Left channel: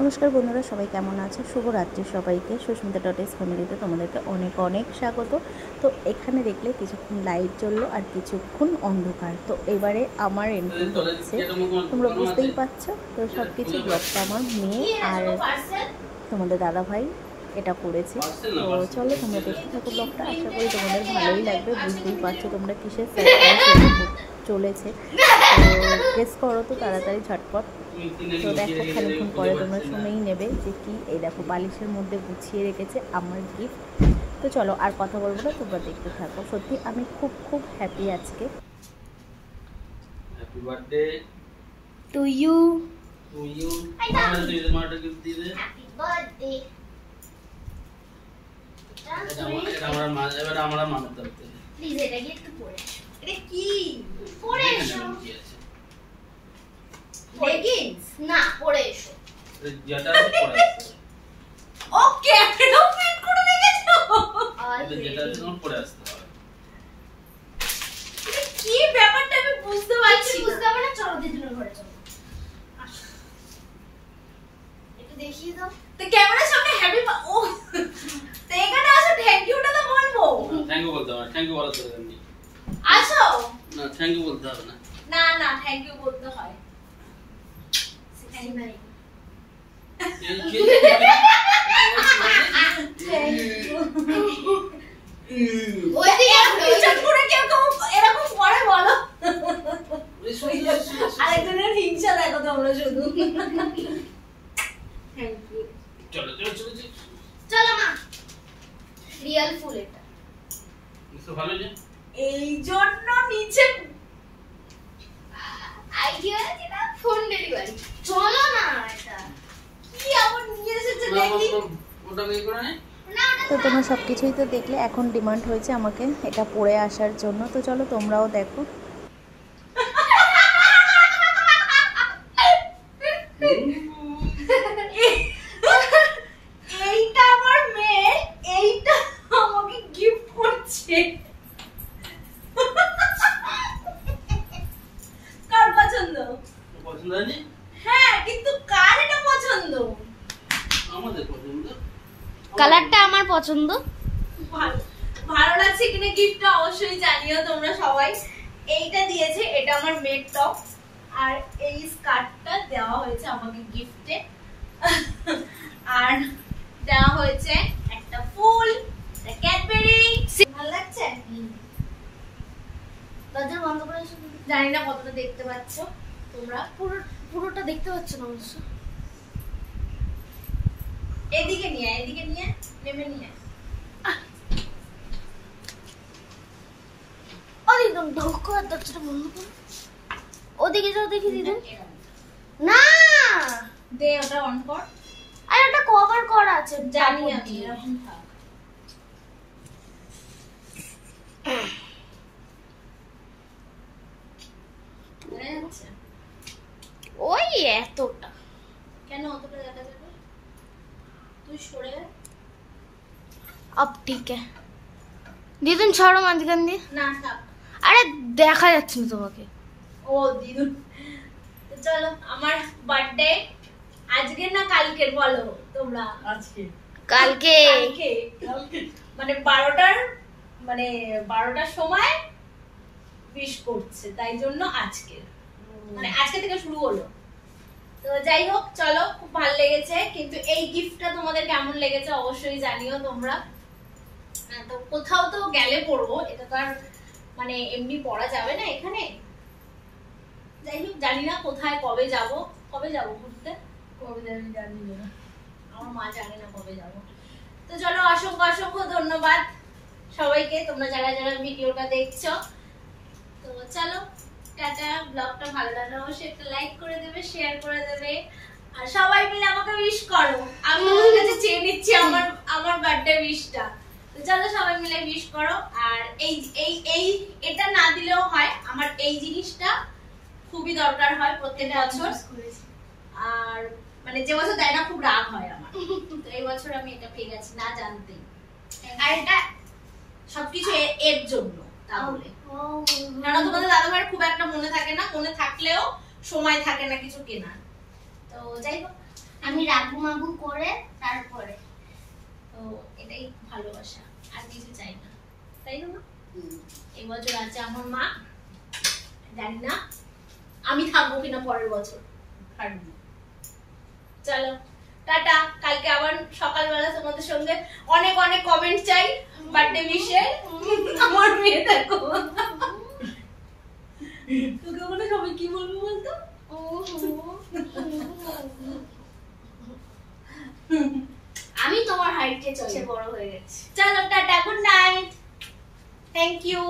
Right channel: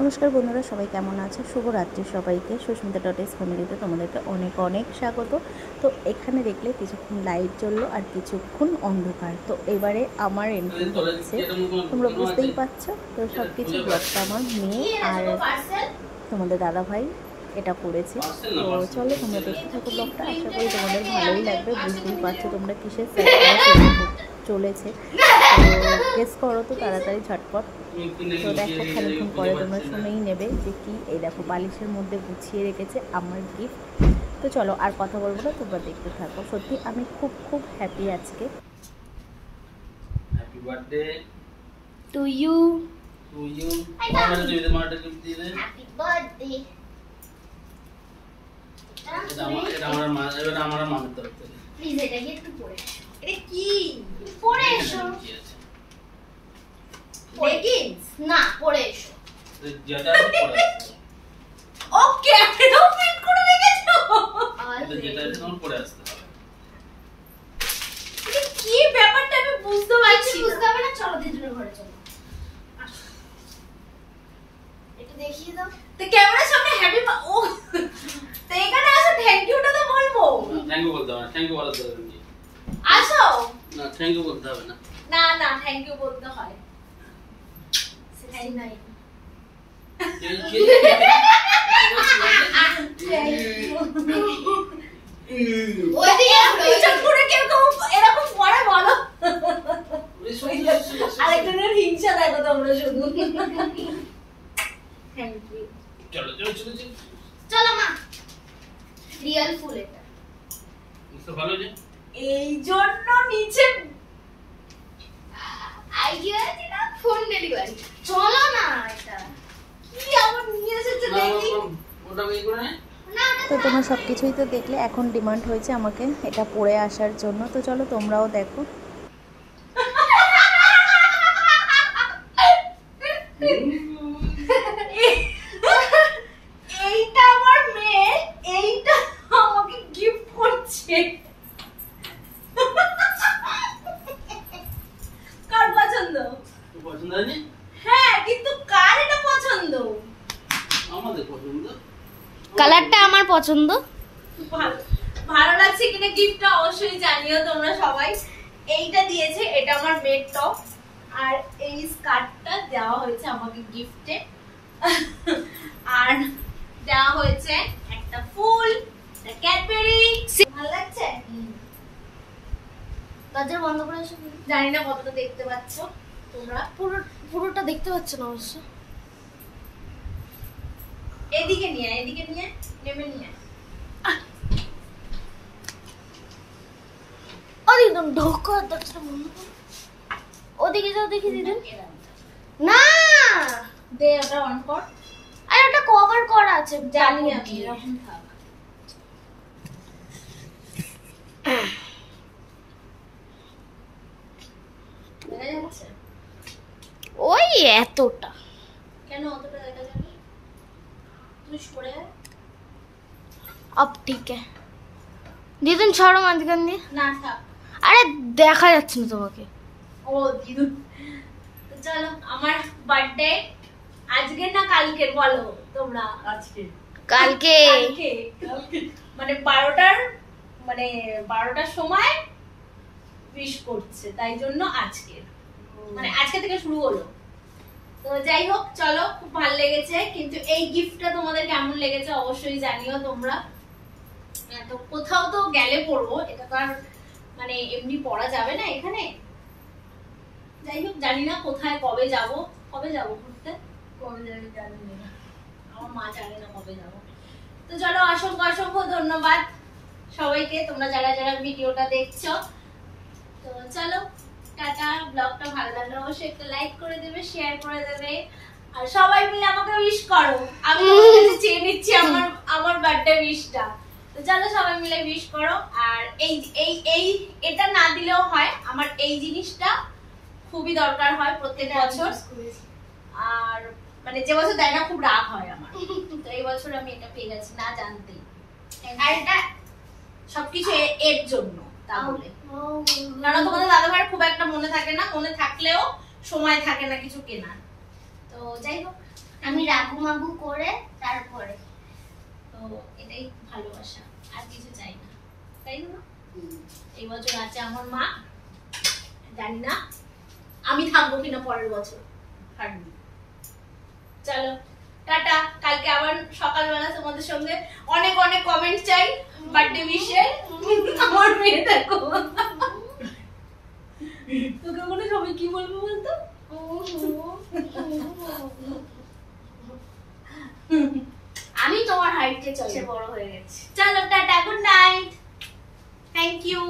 নমস্কার বন্ধুরা, সবাই কেমন আছে? শুভরাত্রি সবাইকে। সুস্মিতা ডটেস ফ্যামিলিতে তোমাদেরকে অনেক অনেক স্বাগত। তো এখানে দেখলে কিছুক্ষণ লাইট জ্বললো আর কিছুক্ষণ অন্ধকার। তো এবারে আমার এন্ট্রি হচ্ছে, তোমরা বুঝতেই পারছো। তো সব কিছু ব্লগটা আমার মেয়ে আর তোমাদের দাদাভাই এটা করেছে। তো চলো তোমরা দেখতে থাকো ব্লগটা, আশা করি তোমাদের ভালোই লাগবে। বুঝতেই পারছো তোমরা কিসের সারপ্রাইজ চলেছে, তো গেস করো তো তাড়াতাড়ি ঝটপট। তো দেখো খানিক্ষণ পরে তোমরা শুনেই নেবে যে কি। এই দেখো বালিশের মধ্যে গুছিয়ে রেখেছে আমার গিফট। তো চলো আর কথা বলবো না, তোমরা দেখতে থাকো। সত্যি আমি খুব খুব হ্যাপি আজকে। Happy birthday to you. মামার দিদি মাটা গিফট দিয়ে দে। Happy birthday. এটা আমার মা, এবার আমার মামার তরফ থেকে। প্লিজ এটা কি একটু পড়ে এসো। এটা কি পড়ে এসো। কি আছে? লেগিংস? না, পড়ে এসো। যেটা আছে পড়ে আছে। ওকে, একদম ফিট করে রেখেছো। এটা যেটা আছে তোমার পড়ে আসতে হবে। এটা কি ব্যাপারটা আমি বুঝতে পারছি না। বুঝতে হবে না, চলো দিদুনের ঘরে চলো। একটু দেখিয়ে দাও। তো ক্যামেরার সামনে হ্যাপি ও তো এখানে আসো, থ্যাংক ইউটা তো বলবো। থ্যাংক ইউ বলতে হবে না, থ্যাংক ইউ বলার দরকার নেই। আসো। না, থ্যাংক ইউ বলতে হবে না। না না, থ্যাংক ইউ বলতে হয়। থ্যাংক নাই। ওই দিকে পিছন ঘুরে কেউ কেউ এরকম করে বলো। আরেকজনের হিংসা দেখো তোমরা শুধু। Thank you. চলো চলো চলো চলো। চলো মা। রিয়েল ফুল এটা। বুঝতে ভালো যে এই জন্য নিচে আইডিয়া আছে না, ফোন ডেলিভারি। চলো না এটা। কি আবার নিয়ে এসেছে না, দেখি। ওটা আমি করে নে। তো তোমরা সব কিছুই তো দেখলে, এখন ডিমান্ড হয়েছে আমাকে এটা পরে আসার জন্য। তো চলো তোমরাও দেখো। এইটা আমার মেয়ে, এইটা আমাকে গিফট করছে। কার পছন্দ? পছন্দ হয়নি? হ্যাঁ, কিন্তু কার এটা পছন্দ? আমাদের পছন্দ। কালারটা আমার পছন্দ। ভালো ভালো লাগছে কিনা গিফটটা অবশ্যই জানিও তোমরা সবাই। এইটা দিয়েছে, এটা আমার মেয়ের টপ, আর এই স্কার্টটা দেওয়া হয়েছে আমাকে গিফটে। আর দেওয়া হয়েছে একটা ফুল, একটা ক্যাডবেরি। ভালো লাগছে? দরজা বন্ধ করে এসো। জানি না কতটা দেখতে পাচ্ছ তোমরা। পুরোটা দেখতে পাচ্ছ না অবশ্য। এদিকে নিয়ে নেমে নিয়ে। আরে একদম ঢোকো, দরজাটা বন্ধ করো। ওদিকে যাও, দেখি দিদুন। না, দে ওটা অন কর। আরে ওটা কভার করা আছে। জানি কাপড় আমি, দিয়ে। এরকম থাক। দেখা যাচ্ছে? ওই এতটা। কেন অতটা দেখা যাবে? তুই সরে আয়। अब ठीक है দিদুন, ছাড়ো মাঝখান দিয়ে। না থাক। আরে দেখা যাচ্ছে না তোমাকে। ও দিদুন। তো চলো, আমার বার্থডে আজকের না কালকের বলো তোমরা? আজকে। কালকে। কালকে মানে 12টার সময় উইশ করছে, তাই জন্য আজকে মানে আজকে থেকে শুরু হলো। তো যাই হোক, চলো, খুব ভালো লেগেছে। কিন্তু এই গিফটটা তোমাদের কেমন লেগেছে অবশ্যই জানিও তোমরা। তো কোথাও তো গেলে পড়বো, এটা তো আর মানে এমনি পড়া যাবে না এখানে। যাই হোক, জানি না কোথায় কবে যাব ঘুরতে। কবে যাবি জানি না, আমার মা জানে না কবে যাব। তো চলো, অসংখ্য অসংখ্য ধন্যবাদ সবাইকে, তোমরা যারা যারা ভিডিওটা দেখছো। তো চলো, টাটা। ব্লগটা ভালো লাগলে অবশ্যই একটা লাইক করে দেবে, শেয়ার করে দেবে, আর সবাই মিলে আমাকে উইশ করো। আমি তোমাদের কাছে চেয়ে নিচ্ছি আমার বার্থডে উইশটা। তো চলো সবাই মিলে উইশ করো। আর এই এটা না দিলেও হয়, আমার এই জিনিসটা খুবই দরকার হয় প্রত্যেক বছর। আর মানে যে বছর দেয় না খুব রাগ হয় আমার। তো এই বছর আমি এটা পেয়ে গেছি না জানতেই। আর এটা সবকিছু এর জন্য, তাহলে কারণ তোমাদের দাদা ভাইয়ের খুব একটা মনে থাকে না, মনে থাকলেও সময় থাকে না কিছু কেনার। তো যাই হোক, আমি রাগু মাগু করে তারপরে। তো এটাই ভালোবাসা, আর কিছু চাই না, তাই না মা? এই বছর আছে আমার মা, জানি না আমি থাকবো কিনা পরের বছর। থাকবি। চলো টাটা, কালকে আবার সকালবেলা তোমাদের সঙ্গে অনেক অনেক কমেন্ট চাই বার্থডে উইশে। আমার মেয়ে দেখো, তোকে মনে সবাই কি বলবো বলতো? আমি তোমার হাইটে চলে বড় হয়ে গেছি। চলো tata, good night, thank you.